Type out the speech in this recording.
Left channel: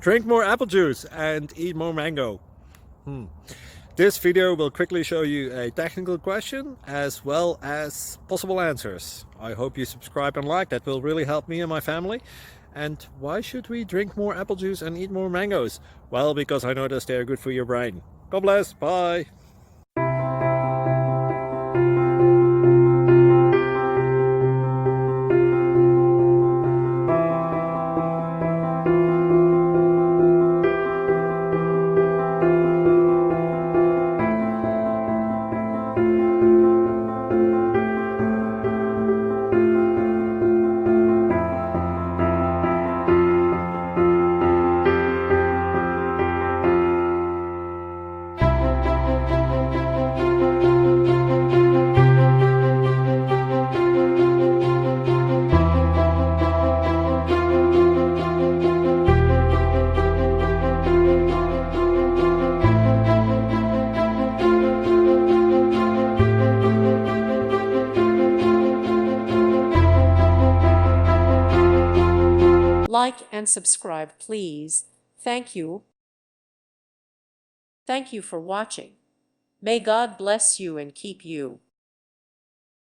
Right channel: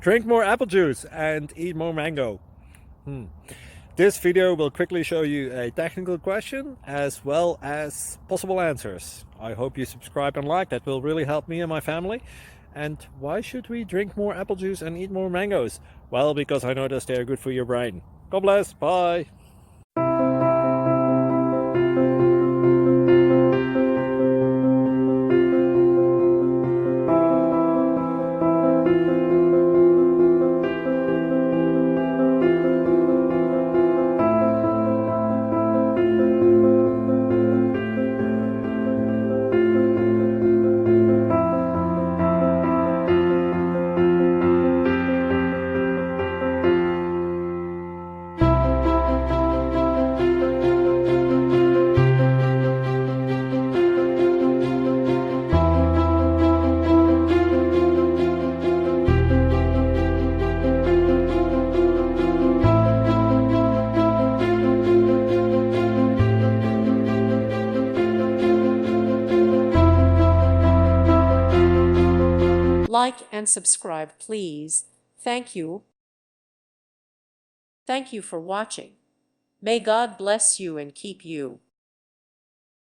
Drink more apple juice and eat more mango. This video will quickly show you a technical question as well as possible answers. I hope you subscribe and like, that will really help me and my family. And why should we drink more apple juice and eat more mangoes? Well, because I noticed they are good for your brain. God bless, bye! Like and subscribe, please. Thank you. Thank you for watching. May God bless you and keep you.